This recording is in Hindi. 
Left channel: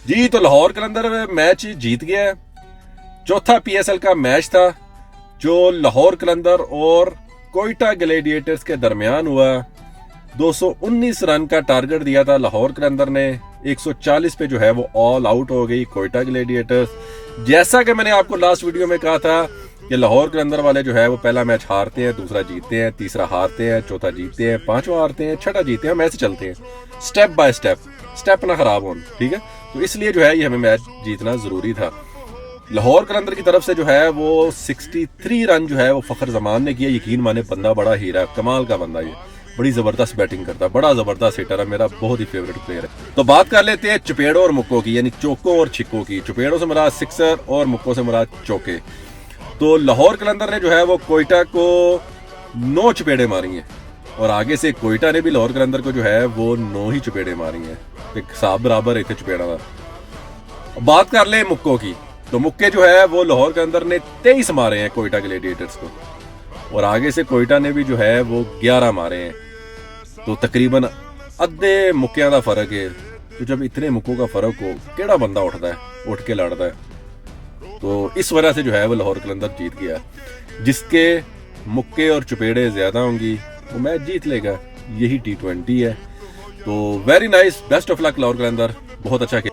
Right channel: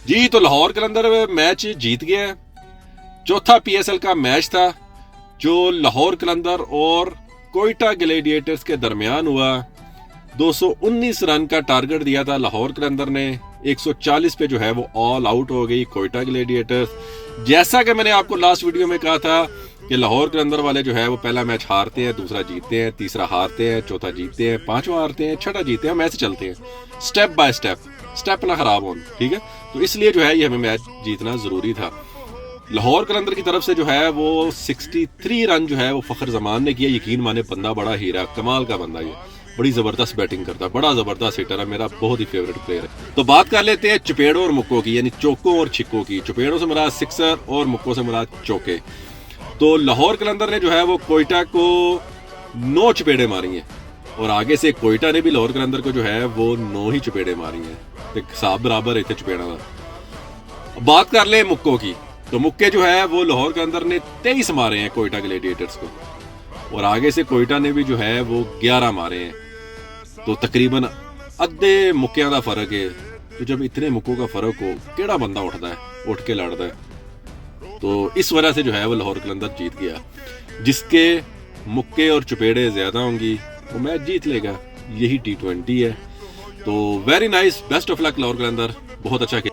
जी तो लाहौर कलंदर मैच जीत गया है। चौथा पीएसएल का मैच था जो लाहौर कलंदर और कोयटा ग्लैडिएटर्स के दरमियान हुआ। 219 रन का टारगेट दिया था लाहौर कलंदर ने, 140 पे जो है वो ऑल आउट हो गई कोयटा ग्लैडिएटर्स। जैसा कि मैंने आपको लास्ट वीडियो में कहा था कि लाहौर कलंदर वाले जो है वो पहला मैच हारते हैं, दूसरा जीतते हैं, तीसरा हारते हैं, चौथा जीतते हैं, पांचवा हारते हैं, छठा जीतते हैं। हम ऐसे चलते हैं स्टेप बाय स्टेप, स्टेप ना खराब हो, ठीक है। तो इसलिए जो है ये हमें मैच जीतना जरूरी था। लाहौर कलंदर की तरफ से जो है वो 63 रन जो है वो फखर जमान ने किया। यकीन माने बंदा बड़ा हीरा, कमाल का बंदा, ये बड़ी जबरदस्त बैटिंग करता है, बड़ा जबरदस्त हिटर है, मेरा बहुत ही फेवरेट प्लेयर है। तो बात कर लेते हैं चुपेड़ों और मुक्कों की, यानी चौकों और छिक्कों की। चुपेड़ों से मुराद सिक्सर और मुक्कों से मुराद चौके। तो लाहौर कलंदर ने जो है वो कोयटा को 9 चुपेड़े मारी हैं और आगे से कोयटा ने भी लाहौर कलंदर को जो है वो 9 ही चुपेड़े मारी हैं। एक हिसाब बराबर है चुपेड़ा का। बात कर ले मुक्कों की, तो मुक्के जो है वो लाहौर के अंदर ने 23 मारे हैं कोयटा ग्लैडिएटर्स को और आगे से कोयटा ने भी जो है वो 11 मारे हैं। तो तकरीबन अद्धे मुक्कियां का फर्क है। तो जब इतने मुक्कों का फर्क हो, केड़ा बंदा उठता है, उठ के लड़ता है। तो इस वजह से जो है वो लाहौर कलंदर जीत गया। जिसके मुक्के और चुपेड़े ज्यादा होंगी वो मैच जीत लेगा, यही T20 है। तो very nice, best of luck Lahore Qalandar, बहुत अच्छा